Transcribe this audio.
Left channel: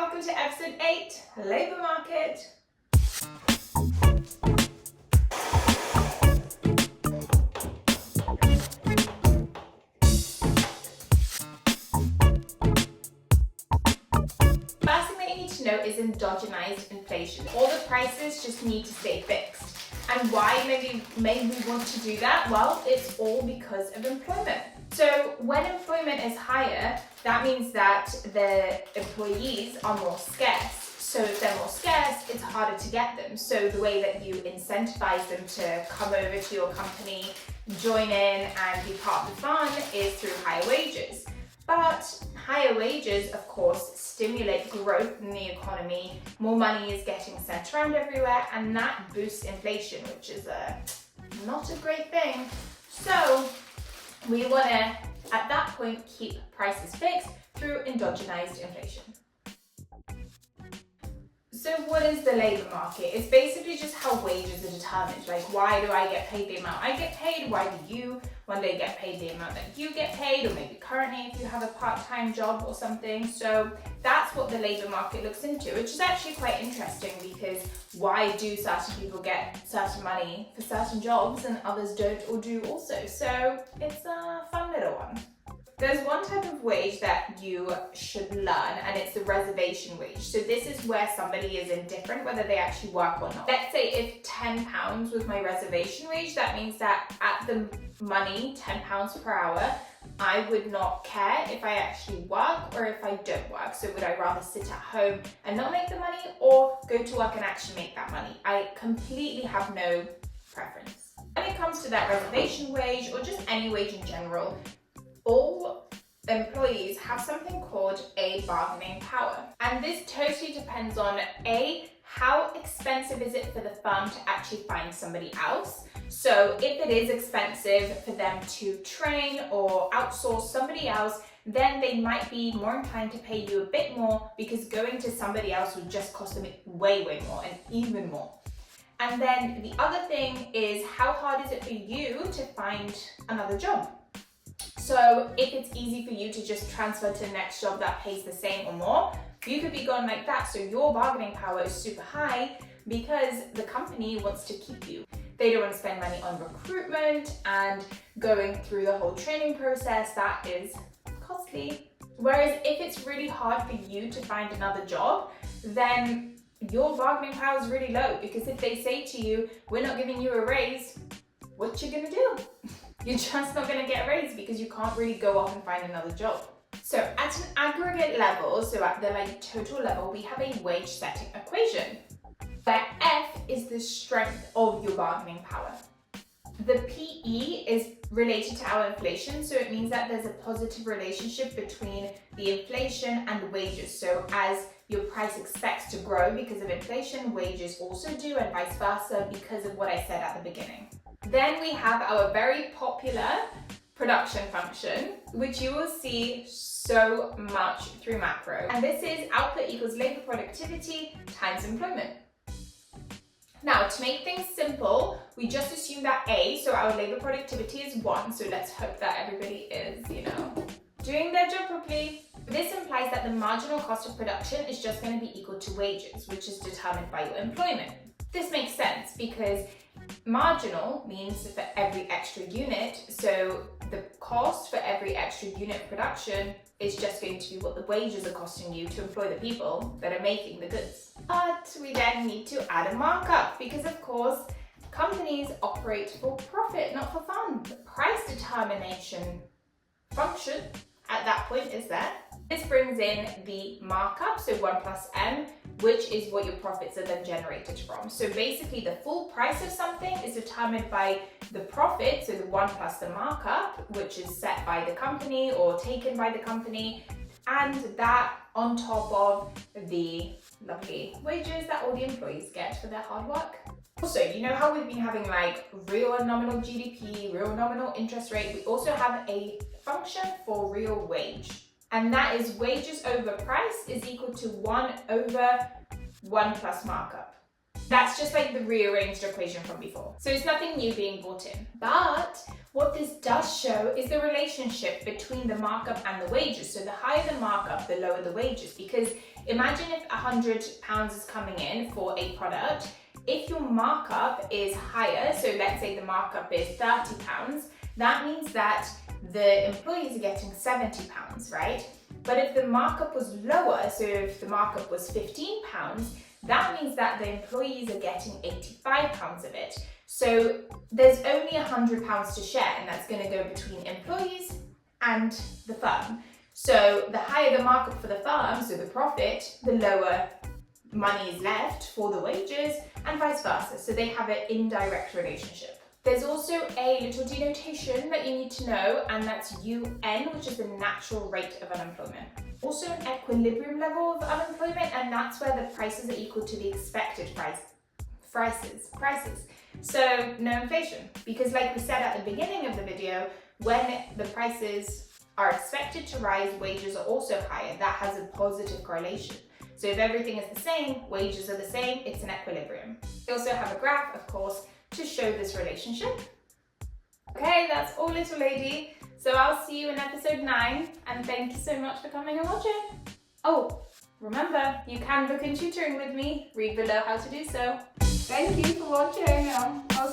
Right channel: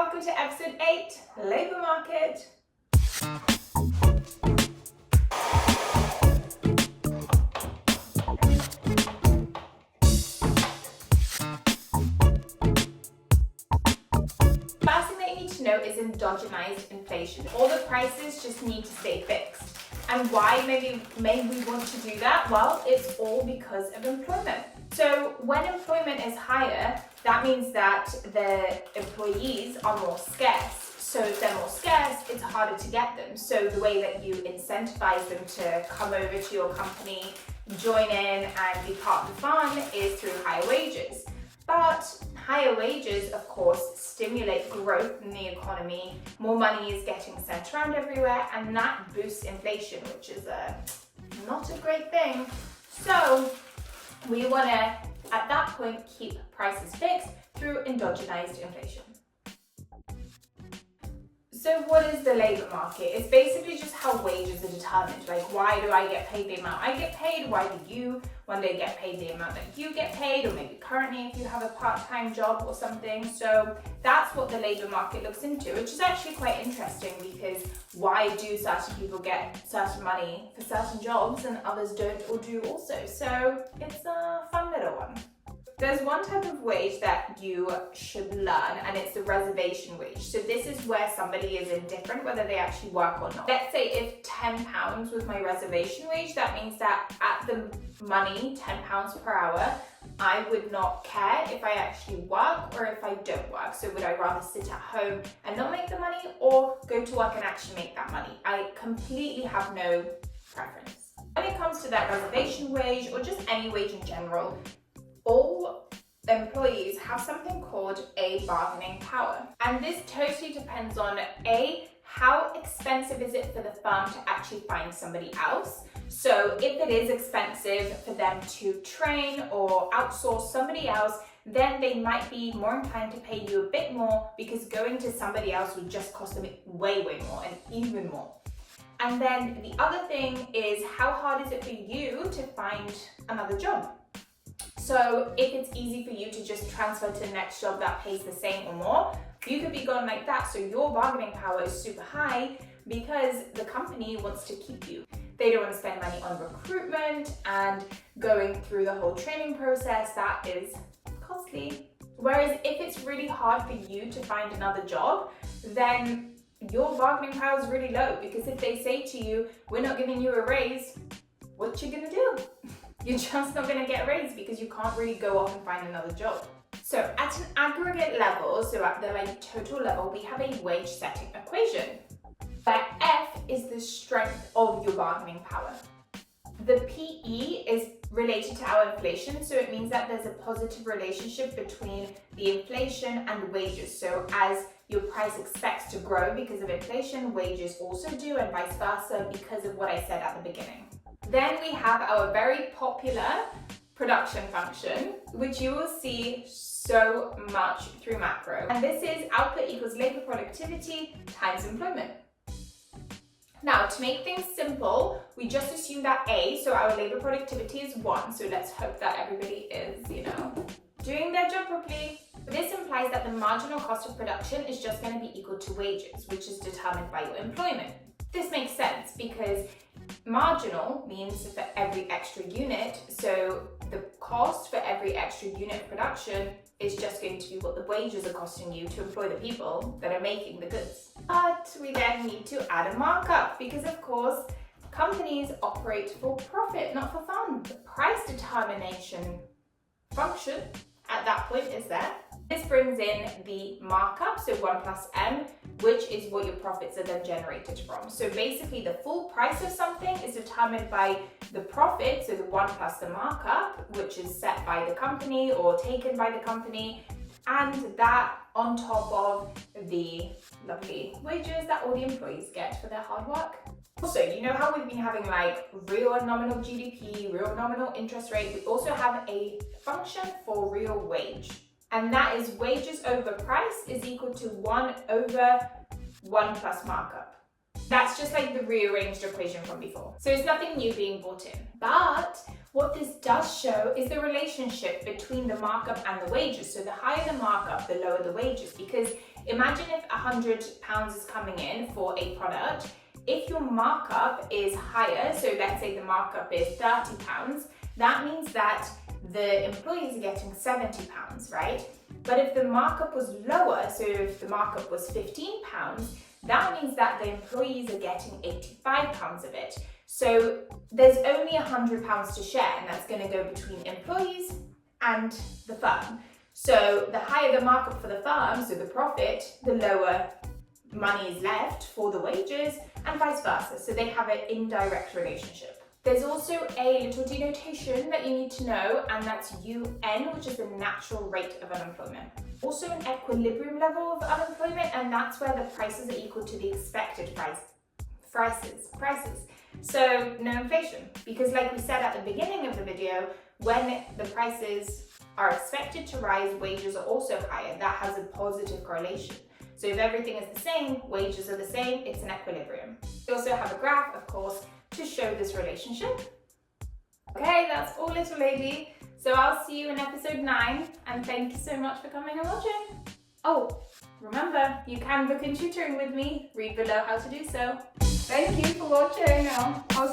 welcome to episode 8, Labour Market. First thing that you need to know is endogenous inflation. All the prices just need to stay fixed. And why may we want to do that? Well, it's all because of employment. So when employment is higher, that means that the employees are more scarce. So if they're more scarce, it's harder to get them. So the way that you incentivize them to come over to your company, join in and be part of the fun is through higher wages. But higher wages, of course, stimulate growth in the economy. More money is getting sent around everywhere, and that boosts inflation, which is not a great thing. So we want to, at that point, keep prices fixed through endogenous inflation. So what is the labour market? It's basically just how wages are determined. Like, why do I get paid the amount I get paid? Why do you one day get paid the amount that you get paid? Or maybe currently if you have a part-time job or something. So that's what the labour market looks into, which is actually quite interesting, because why do certain people get certain money for certain jobs and others don't or do also? So it's a fun little one. There's one type of wage that you should learn, and it's the reservation wage. So this is where somebody is indifferent whether they actually work or not. Let's say if £10 was my reservation wage, that means that at the money, £10 per hour, I would not care if I actually work or if I don't work. So would I rather sit at home and not make the money, or go to work and actually make that money? I completely have no preference. When it comes to that reservation wage, or just any wage in general, all employees have something called a bargaining power. And this totally depends on how expensive is it for the firm to actually find somebody else. So if it is expensive for them to train or outsource somebody else, then they might be more inclined to pay you a bit more, because going to somebody else would just cost them way more and even more. And then the other thing is, how hard is it for you to find another job? So if it's easy for you to just transfer to the next job that pays the same or more, you could be gone like that. So your bargaining power is super high because the company wants to keep you. They don't want to spend money on recruitment and going through the whole training process. That is costly. Whereas if it's really hard for you to find another job, then your bargaining power is really low, because if they say to you, we're not giving you a raise, what you gonna do? You're just not going to get a raise, because you can't really go off and find another job. So at an aggregate level, so at the total level, we have a wage setting equation, where F is the strength of your bargaining power. The PE is related to our inflation, so it means that there's a positive relationship between the inflation and wages. So as your price expects to grow because of inflation, wages also do, and vice versa, because of what I said at the beginning. Then we have our very popular production function, which you will see so much through macro. And this is output equals labor productivity times employment. Now, to make things simple, we just assume that so our labor productivity is 1. So let's hope that everybody is, doing their job properly. This implies that the marginal cost of production is just going to be equal to wages, which is determined by your employment. This makes sense because marginal means for every extra unit, so the cost for every extra unit of production is just going to be what the wages are costing you to employ the people that are making the goods. But we then need to add a markup, because of course companies operate for profit, not for fun. The price determination function at that point is there. This brings in the markup, so 1 plus M, which is what your profits are then generated from. So basically the full price of something is determined by the profit, so the 1 plus the markup, which is set by the company or taken by the company, and that on top of the lovely wages that all the employees get for their hard work. Also, you know how we've been having real and nominal GDP, real nominal interest rate? We also have a function for real wage. And that is wages over price is equal to 1 over 1 plus markup. That's just like the rearranged equation from before. So it's nothing new being brought in. But what this does show is the relationship between the markup and the wages. So the higher the markup, the lower the wages. Because imagine if £100 is coming in for a product. If your markup is higher, so let's say the markup is £30, that means that the employees are getting £70, right? But if the markup was lower, so if the markup was £15, that means that the employees are getting £85 of it. So there's only £100 to share, and that's going to go between employees and the firm. So the higher the markup for the firm, so the profit, the lower money is left for the wages, and vice versa. So they have an indirect relationship. There's also a little denotation that you need to know, and that's UN, which is the natural rate of unemployment. Also an equilibrium level of unemployment, and that's where the prices are equal to the expected prices. So no inflation, because like we said at the beginning of the video, when the prices are expected to rise, wages are also higher. That has a positive correlation. So if everything is the same, wages are the same, it's an equilibrium. We also have a graph, of course, to show this relationship. Okay, that's all, little lady. So I'll see you in episode 9, and thank you so much for coming and watching. Oh, remember, you can book in tutoring with me. Read below how to do so. Thank you for watching. I'll